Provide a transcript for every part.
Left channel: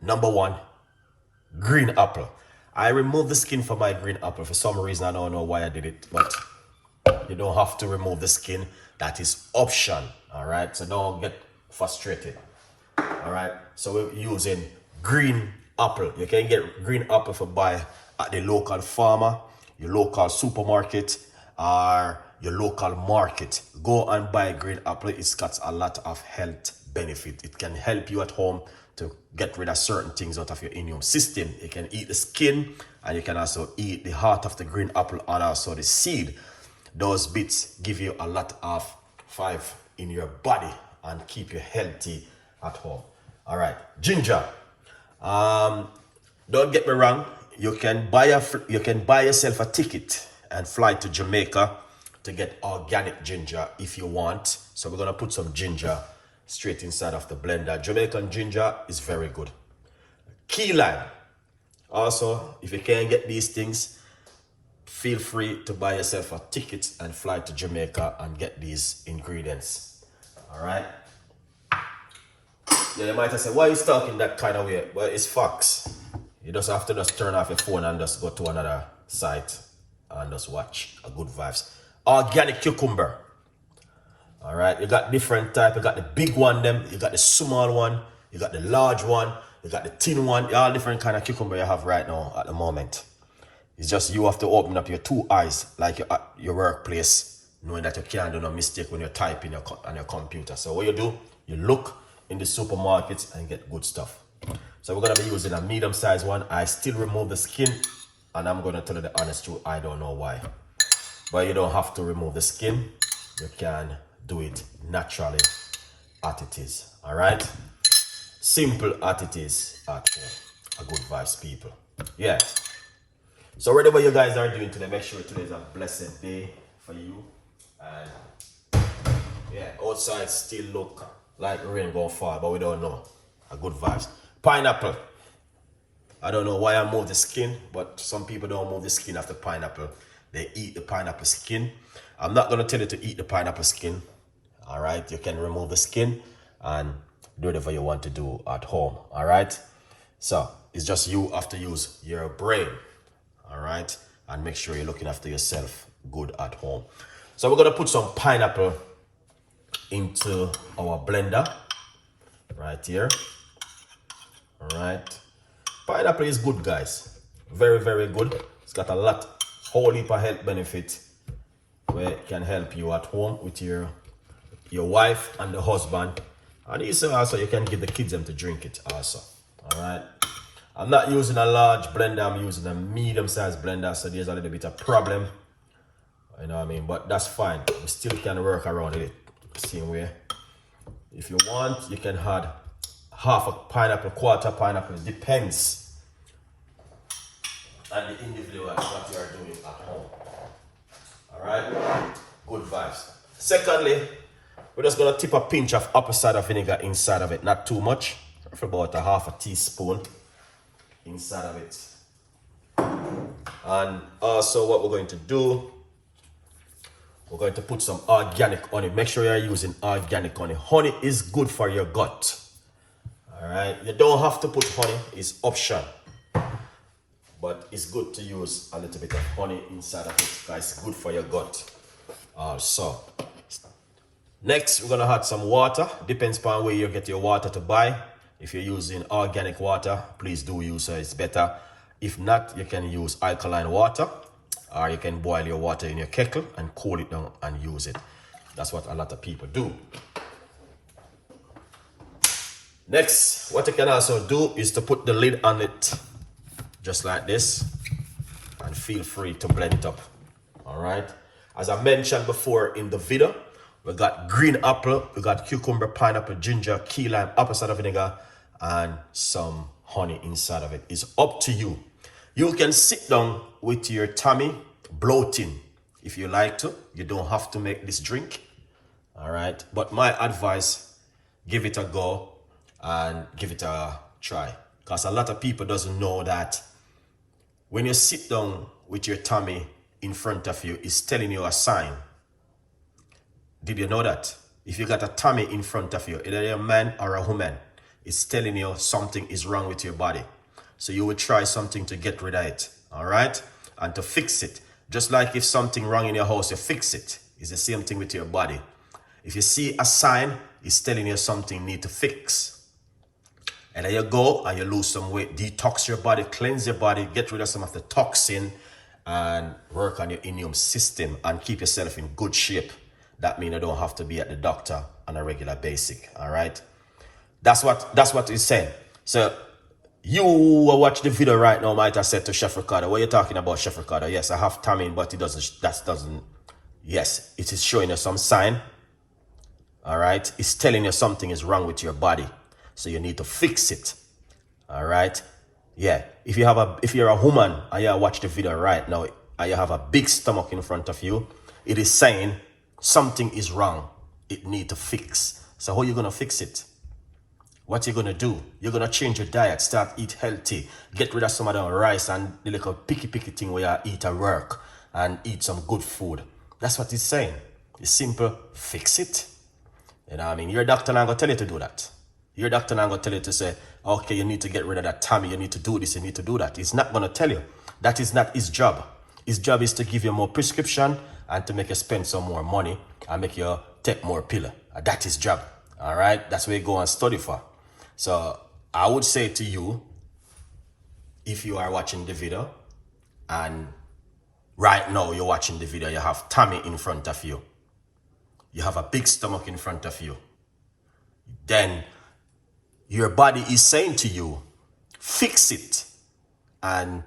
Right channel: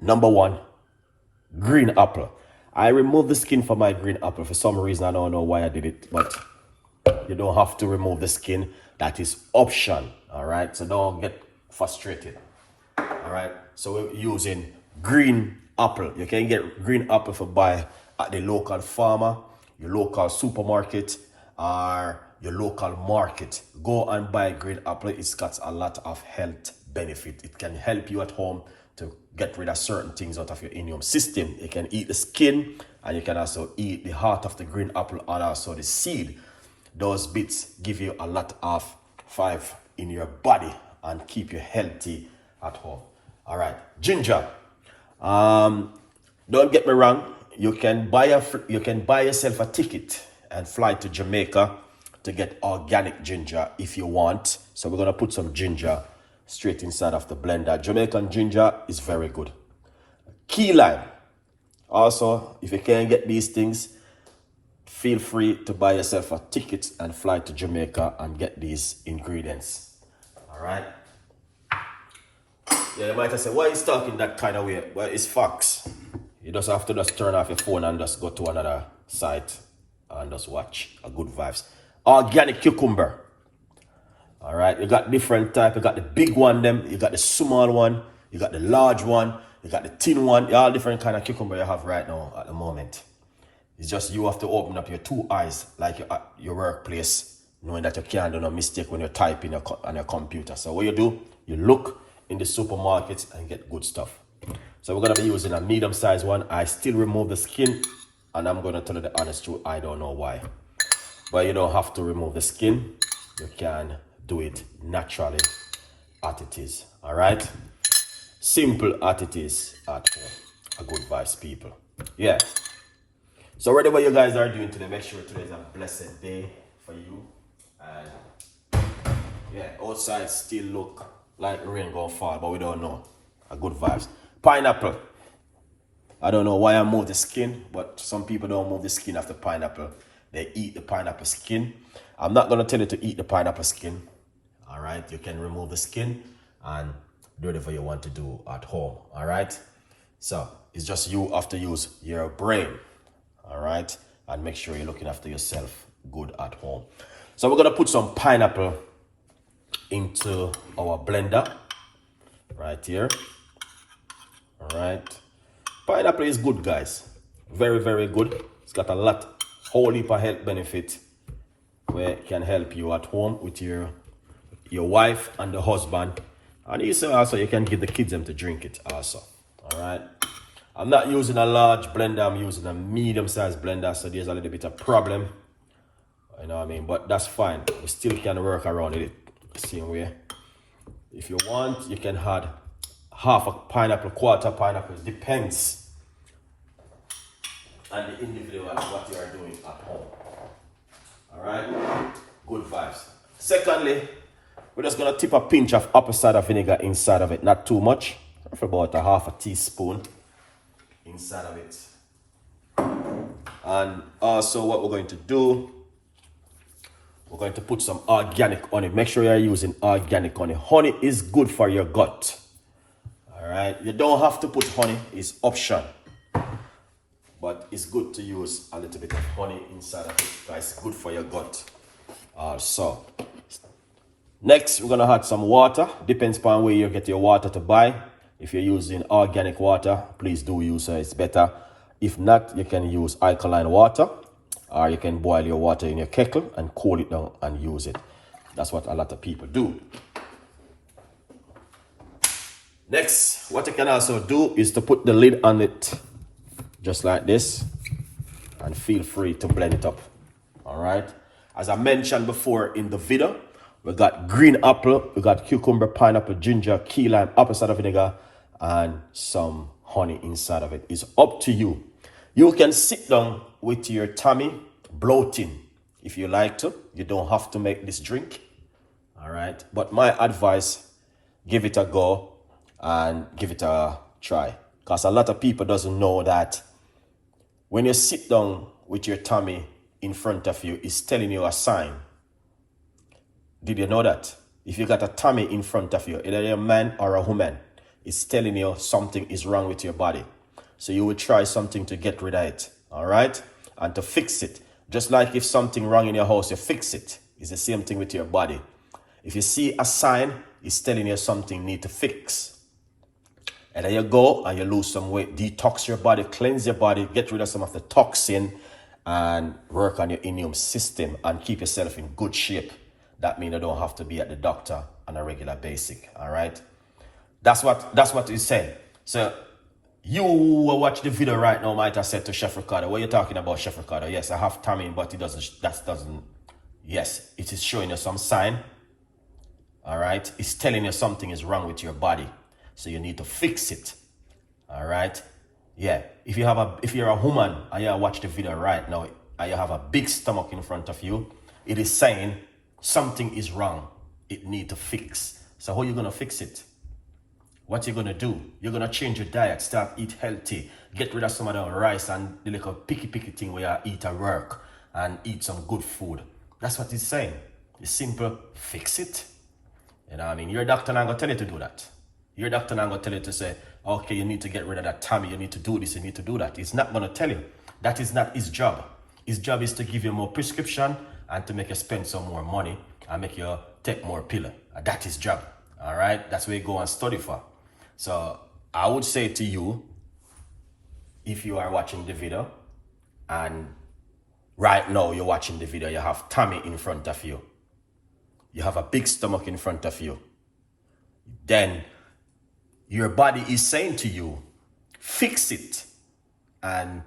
Number one, green apple. I removed the skin from my green apple. For some reason, I don't know why I did it, but you don't have to remove the skin. That is option, all right? So don't get frustrated, all right? So we're using green apple. You can get green apple for buy at the local farmer, your local supermarket, or your local market. Go and buy green apple. It's got a lot of health benefit. It can help you at home to get rid of certain things out of your immune system. You can eat the skin, and you can also eat the heart of the green apple and also the seed. Those bits give you a lot of fiber in your body and keep you healthy at home. All right, ginger. Don't get me wrong. You can buy yourself a ticket and fly to Jamaica to get organic ginger if you want. So we're gonna put some ginger straight inside of the blender. Jamaican ginger is very good. Key lime. Also, if you can't get these things, feel free to buy yourself a ticket and fly to Jamaica and get these ingredients. All right. Yeah, you might have said, why are you talking that kind of way? Well, it's facts. You just have to just turn off your phone and just go to another site and just watch a good vibes. Organic cucumber. All right, you got different type. You got the big one, you got the small one, you got the large one, you got the thin one. All different kind of cucumber you have right now at the moment. It's just you have to open up your two eyes, like your workplace, knowing that you can't do no mistake when you're typing on your computer. So what you do, you look in the supermarkets and get good stuff. So we're gonna be using a medium-sized one. I still remove the skin, and I'm gonna tell you the honest truth, I don't know why. But you don't have to remove the skin. You can do it naturally as it is. All right, simple as it is at home. A good vibes, people. Yeah. So whatever you guys are doing today, make sure today is a blessed day for you. And yeah, outside still look like rain gonna fall, but we don't know. A good vibes. Pineapple. I don't know why I move the skin, but some people don't move the skin of the pineapple. They eat the pineapple skin. I'm not gonna tell you to eat the pineapple skin. All right, you can remove the skin and do whatever you want to do at home. All right, so it's just you have to use your brain. All right, and make sure you're looking after yourself good at home. So we're gonna put some pineapple into our blender right here. All right, pineapple is good, guys. Very, very good. It's got a whole heap of health benefit where it can help you at home with your wife and the husband, and also you can give the kids them to drink it also. All right, I'm not using a large blender, I'm using a medium-sized blender, so there's a little bit of problem, you know what I mean, but that's fine. We still can work around it the same way. If you want, you can add half a pineapple, quarter pineapple. It depends on the individual what you are doing at home. All right, good vibes. Secondly, we're just gonna tip a pinch of apple cider vinegar inside of it, not too much, for about a half a teaspoon inside of it. And also what we're going to do, we're going to put some organic honey. Make sure you're using organic honey. Honey is good for your gut. All right, you don't have to put honey, it's option. But it's good to use a little bit of honey inside of it, but it's good for your gut also. Next, we're gonna add some water. Depends upon where you get your water to buy. If you're using organic water, please do use it, it's better. If not, you can use alkaline water, or you can boil your water in your kettle and cool it down and use it. That's what a lot of people do. Next, what you can also do is to put the lid on it, just like this, and feel free to blend it up. All right, as I mentioned before in the video, we got green apple, we got cucumber, pineapple, ginger, key lime, apple cider vinegar, and some honey inside of it. It's up to you. You can sit down with your tummy bloating if you like to. You don't have to make this drink. All right, but my advice, give it a go and give it a try, because a lot of people doesn't know that when you sit down with your tummy in front of you, it's telling you a sign. Did you know that? If you got a tummy in front of you, either you're a man or a woman, it's telling you something is wrong with your body. So you will try something to get rid of it, all right? And to fix it. Just like if something wrong in your house, you fix it. It's the same thing with your body. If you see a sign, it's telling you something you need to fix. And then you go and you lose some weight, detox your body, cleanse your body, get rid of some of the toxin, and work on your immune system and keep yourself in good shape. That means you don't have to be at the doctor on a regular basis, all right? That's what he's saying. So you watch the video right now might have said to Chef Ricardo, what are you talking about, Chef Ricardo? Yes, I have tamine, but it doesn't, yes, it is showing you some sign, all right? It's telling you something is wrong with your body. So you need to fix it, all right? Yeah, if you're a woman and you watch the video right now and you have a big stomach in front of you, it is saying something is wrong. It need to fix. So how are you going to fix it? What you going to do? You're going to change your diet, start eat healthy, get rid of some of the rice and the little picky thing where you eat at work and eat some good food. That's what he's saying. It's simple, fix it. You know what I mean? Your doctor not going to tell you to do that. Your doctor not going to tell you to say, okay, you need to get rid of that tummy, you need to do this, you need to do that. He's not going to tell you. That is not his job. His job is to give you more prescription and to make you spend some more money and make you take more pill. That's his job. All right? That's what you go and study for. So I would say to you, if you are watching the video and right now you're watching the video, you have tummy in front of you, you have a big stomach in front of you, then your body is saying to you, fix it and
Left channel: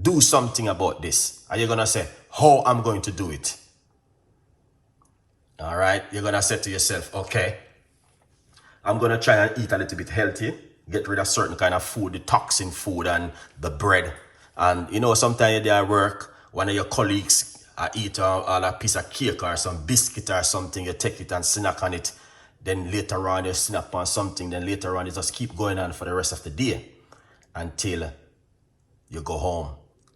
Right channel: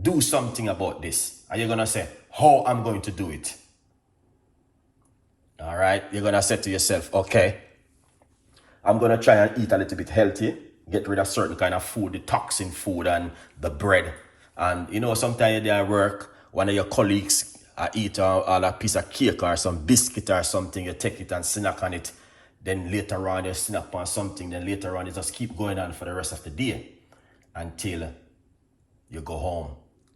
do something about this. Are you going to say, how I'm going to do it? All right. You're going to say to yourself, okay, I'm going to try and eat a little bit healthy, get rid of certain kind of food, the toxin food and the bread. And, you know, sometimes you're there at work, one of your colleagues eat a piece of cake or some biscuit or something, you take it and snack on it. Then later on you snack on something, then later on it just keep going on for the rest of the day until you go home.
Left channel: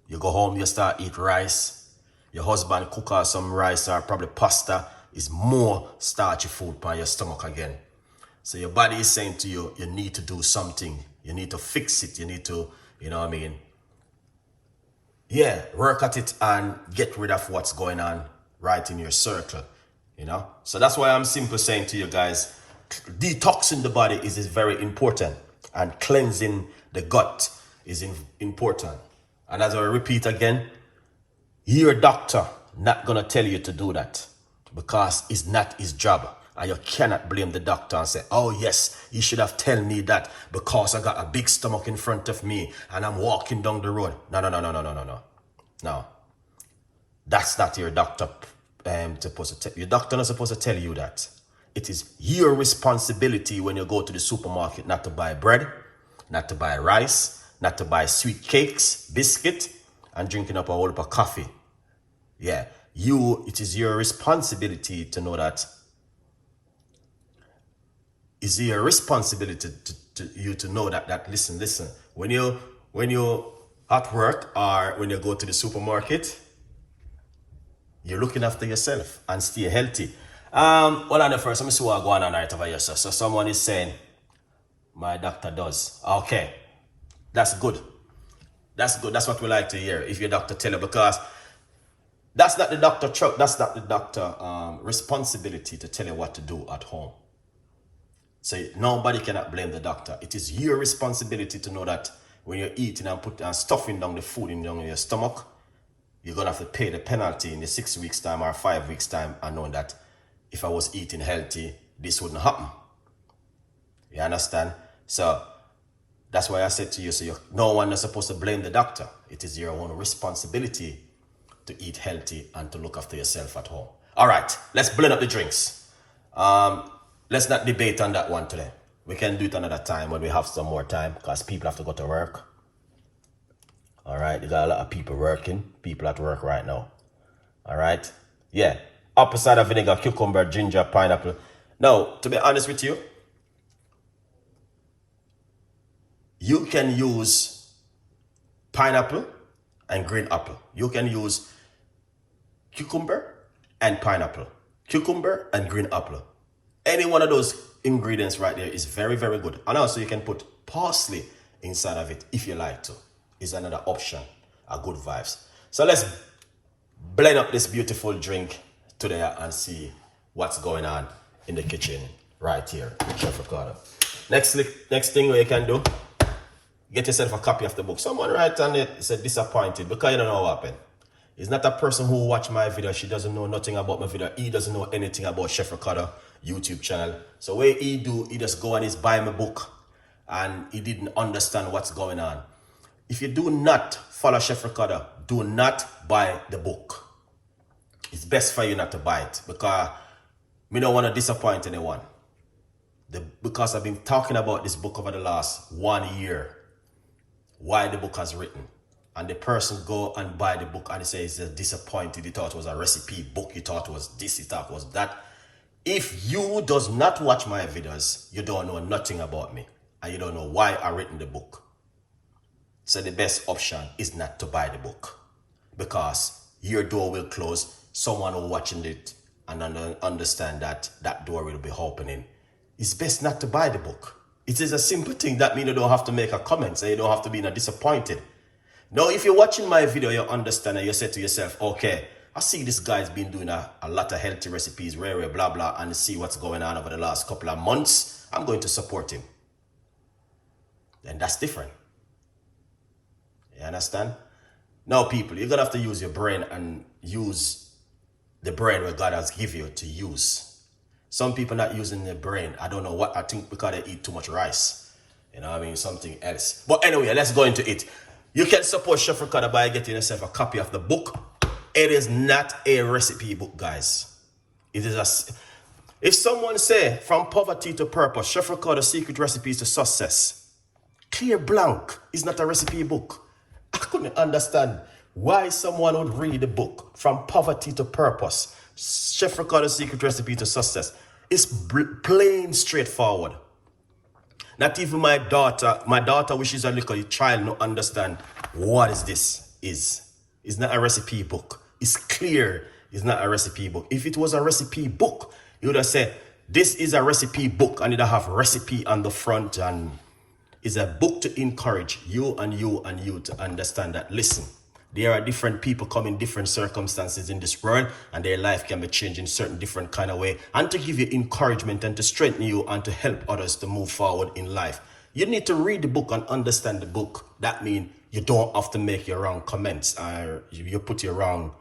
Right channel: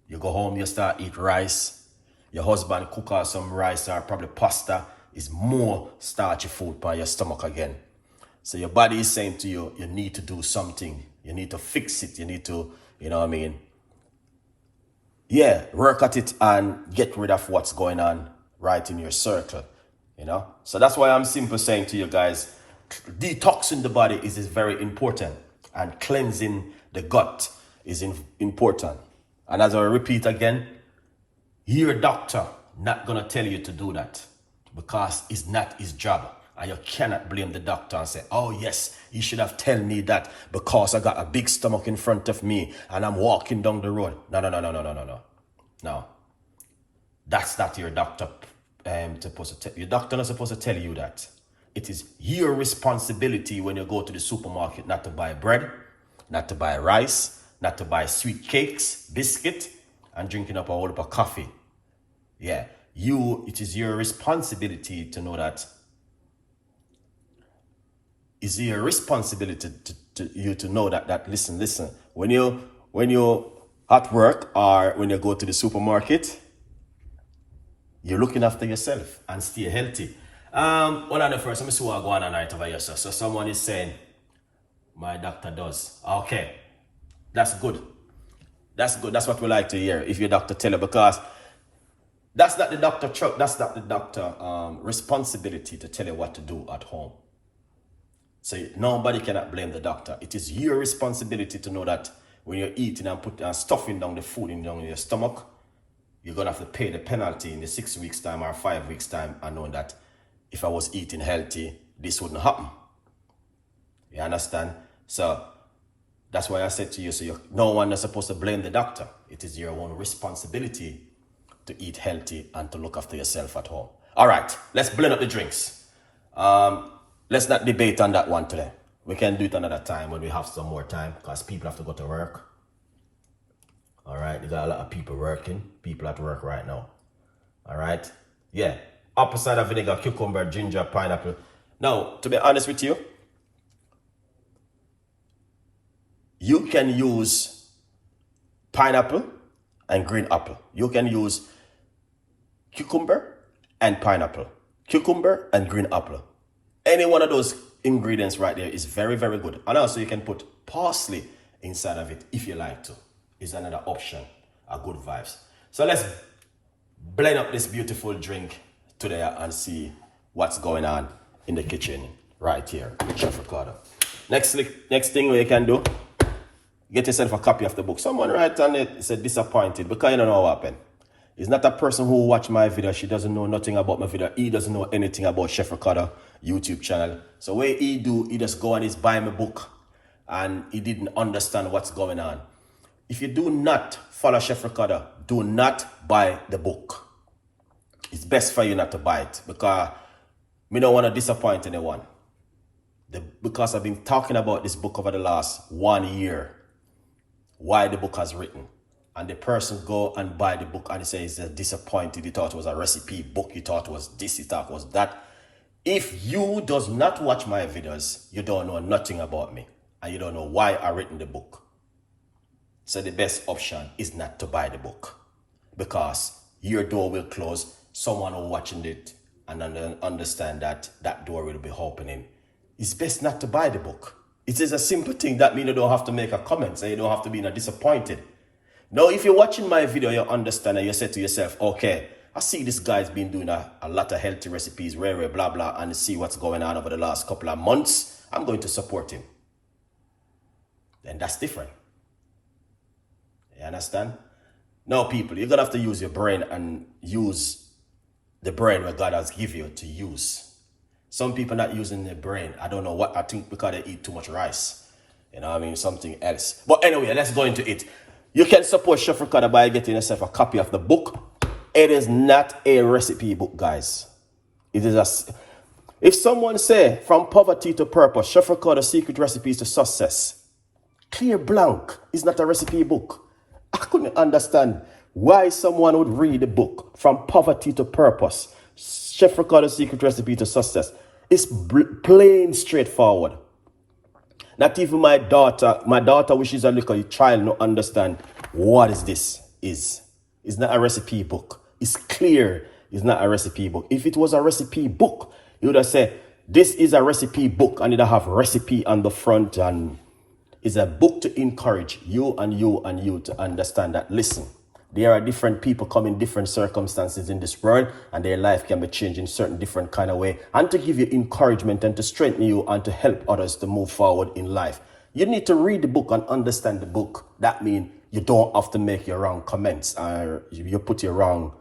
You go home, you start eat rice. Your husband cook out some rice or probably pasta. Is more starchy food for your stomach again. So your body is saying to you, you need to do something. You need to fix it. You need to, you know what I mean? Yeah, work at it and get rid of what's going on right in your circle, you know? So that's why I'm simply saying to you guys, detoxing the body is very important and cleansing the gut is important. And as I repeat again, your doctor not gonna tell you to do that because it's not his job. And you cannot blame the doctor and say, oh yes, he should have told me that because I got a big stomach in front of me and I'm walking down the road. No. That's not your doctor supposed to tell. Your doctor not supposed to tell you that. It is your responsibility when you go to the supermarket not to buy bread, not to buy rice, not to buy sweet cakes, biscuit, and drinking up a whole lot of coffee. Yeah, it is your responsibility to know that. It's your responsibility to know that listen, when you at work or when you go to the supermarket, you're looking after yourself and stay healthy. Well, on the first, let me see what going on right over here. So someone is saying, my doctor does. Okay, that's good. That's good. That's what we like to hear. If your doctor tell you, because that's not the doctor responsibility to tell you what to do at home. So nobody cannot blame the doctor. It is your responsibility to know that when you're eating and putting stuffing down the food in your stomach, you're going to have to pay the penalty in the 6 weeks time or 5 weeks time and knowing that if I was eating healthy, this wouldn't happen. You understand? So that's why I said to you, no one is supposed to blame the doctor. It is your own responsibility to eat healthy and to look after yourself at home. All right, let's blend up the drinks. Let's not debate on that one today. We can do it another time when we have some more time because people have to go to work. All right, you got a lot of people working. People at work right now. All right, yeah. Apple cider vinegar, cucumber, ginger, pineapple. Now, to be honest with you, you can use pineapple and green apple. You can use cucumber and pineapple. Cucumber and green apple. Any one of those ingredients right there is very, very good. And also you can put parsley inside of it if you like to. Is another option. A good vibes. So let's blend up this beautiful drink today and see what's going on in the kitchen right here with Chef Ricardo. Next thing you can do, get yourself a copy of the book. Someone write on it, said disappointed because you don't know what happened. He's not a person who watch my video. She doesn't know nothing about my video. He doesn't know anything about Chef Ricardo YouTube channel. So what he do, he just go and he's buy my book and he didn't understand what's going on. If you do not follow Chef Ricardo, do not buy the book. It's best for you not to buy it because we don't want to disappoint anyone. Because I've been talking about this book over the last 1 year, why the book has written. And the person go and buy the book and he says he's disappointed. He thought it was a recipe book. He thought it was this, he thought it was that. If you does not watch my videos, you don't know nothing about me. And you don't know why I written the book. So the best option is not to buy the book. Because your door will close. Someone will watching it and understand that that door will be opening. It's best not to buy the book. It is a simple thing. That means you don't have to make a comment and you don't have to be disappointed. Now, if you're watching my video, you understand and you say to yourself, okay, I see this guy's been doing a lot of healthy recipes, rare, blah, blah, and see what's going on over the last couple of months. I'm going to support him. Then that's different. You understand? Now, people, you're going to have to use your brain and use the brain where God has given you to use. Some people not using their brain. I don't know what. I think because they eat too much rice. You know what I mean? Something else. But anyway, let's go into it. You can support Chef Ricardo by getting yourself a copy of the book. It is not a recipe book, guys. It is a... If someone say, from poverty to purpose, Chef Ricardo secret recipes to success. Clear blank is not a recipe book. I couldn't understand why someone would read the book, From Poverty to Purpose, Chef Ricardo secret recipe to success. It's plain straightforward. Not even my daughter, which is a little child, no understand what is this is. It's not a recipe book. It's clear it's not a recipe book. If it was a recipe book, you would have said, this is a recipe book and it'll have recipe on the front and it's a book to encourage you and you and you to understand that, listen, there are different people coming in different circumstances in this world and their life can be changed in certain different kind of way and to give you encouragement and to strengthen you and to help others to move forward in life. You need to read the book and understand the book. That means you don't have to make your wrong comments or you put your wrong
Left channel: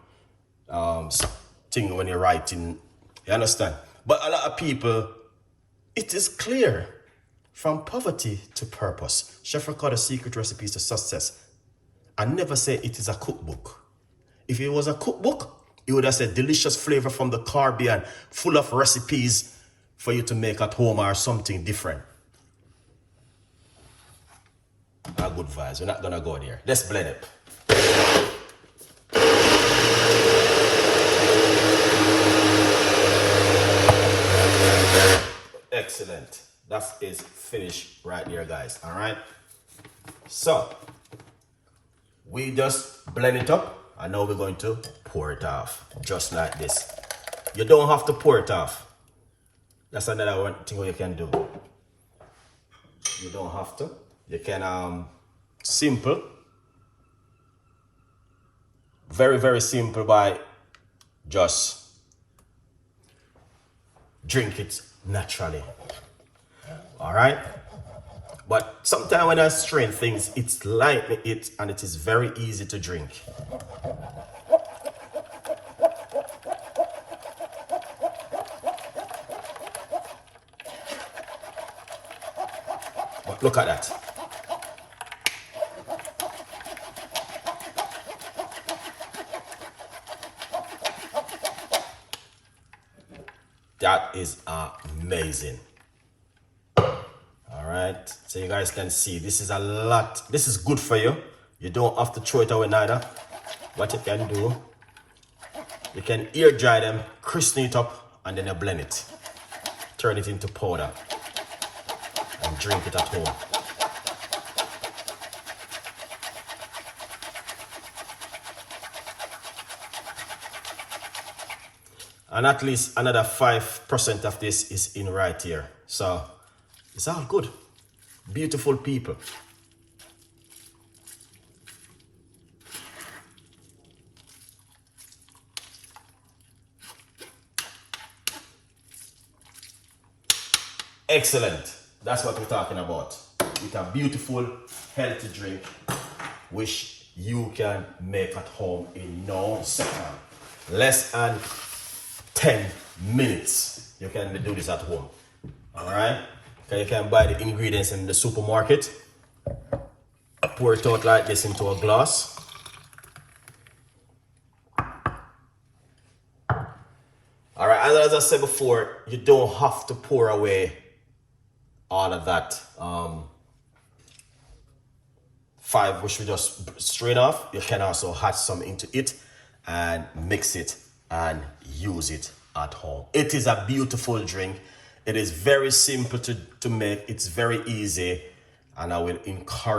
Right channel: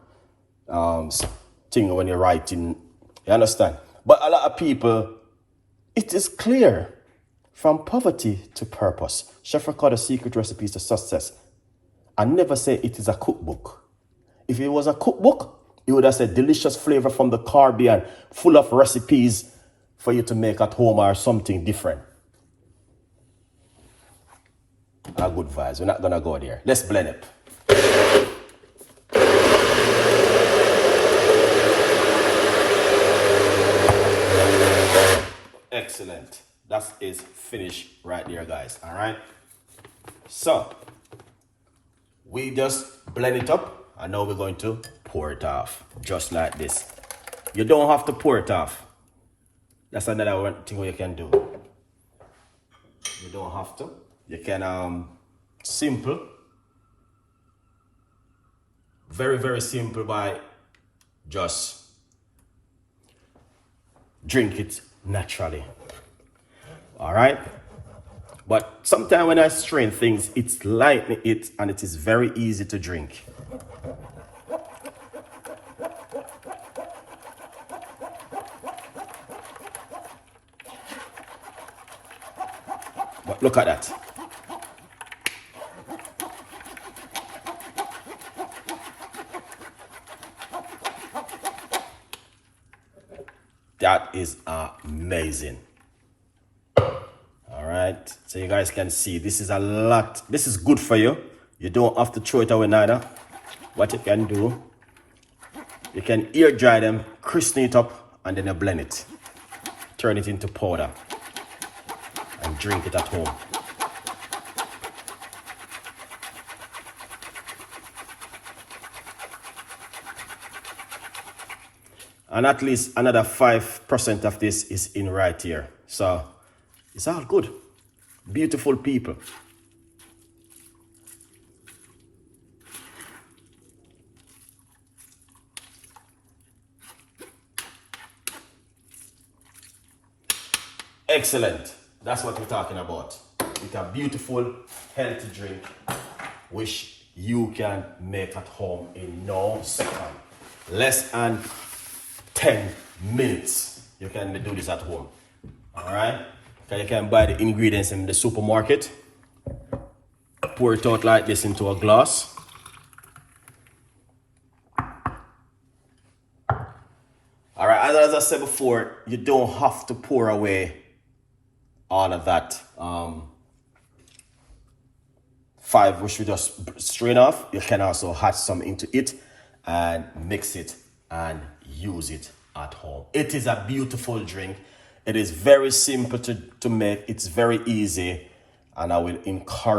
thing when you're writing. You understand? But a lot of people, it is clear. From poverty to purpose. Chef Ricardo secret recipes to success. I never say it is a cookbook. If it was a cookbook, it would have said delicious flavor from the Caribbean, full of recipes for you to make at home or something different. Good vibes. We're not gonna go there. Let's blend it. Excellent. That is finished right there, guys. All right. So we just blend it up and now we're going to pour it off just like this. You don't have to pour it off. That's another thing you can do. You don't have to. You can simple. Very, very simple by just drink it naturally. All right, but sometimes when I strain things, it's lightning it and it is very easy to drink. But look at that. That is amazing. So you guys can see this is a lot. This is good for you. You don't have to throw it away neither. What you can do, you can air dry them, crispen it up, and then you blend it. Turn it into powder and drink it at home. And at least another 5% of this is in right here. So it's all good. Beautiful people. Excellent. That's what we're talking about. With a beautiful, healthy drink, which you can make at home in no second. Less than 10 minutes. You can do this at home. Alright? Okay, you can buy the ingredients in the supermarket. Pour it out like this into a glass. Alright, as I said before, you don't have to pour away all of that five which we just strain off. You can also add some into it and mix it and use it at home. It is a beautiful drink. It is very simple to make. It's very easy, and I will encourage